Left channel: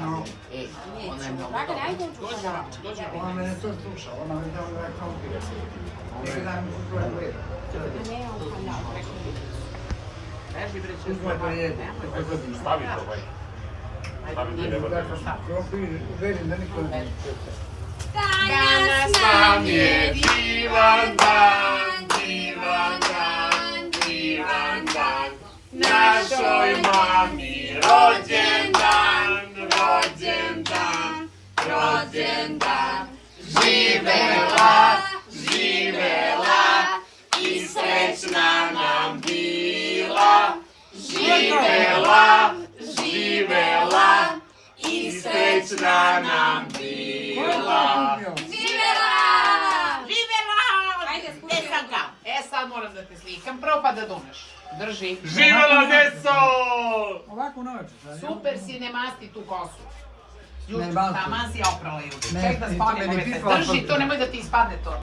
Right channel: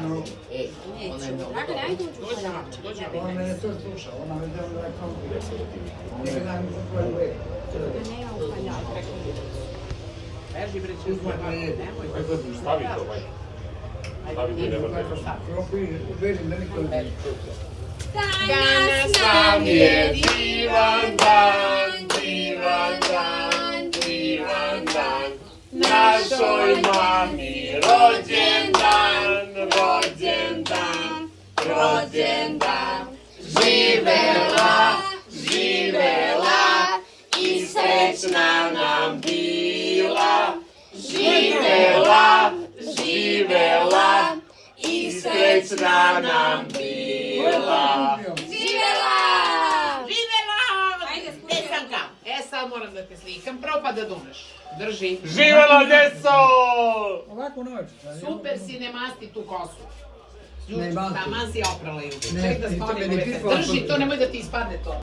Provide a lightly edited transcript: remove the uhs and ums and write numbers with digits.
No, Dragane, ajde u čokoladu. ona mene to sluša, ona me zove da je konfident. Ona me znam što to je gleda. Nemam čokoladu. Izgleda je, Stavi to, ovaj. Stavi to, nema da vidiš. želim da niko ne Danas Nam je divan dan, divan dan, divan dan. Našoj mami rođendan, rođendan, rođendan. Živela, živela i srećna nam bila. Živela, živela i srećna nam bila. Ajde, Nesanka. Sad moram da te slikam, prvo pa da dumeš. Drži. Živela, deco! Ovako noć. Super si, ne masti tu kosu. Ne masti. Taman si oprala juče. Ne, Ček da to spavim meni ove ti te. to Drži, to nemoj da ti ispadne to.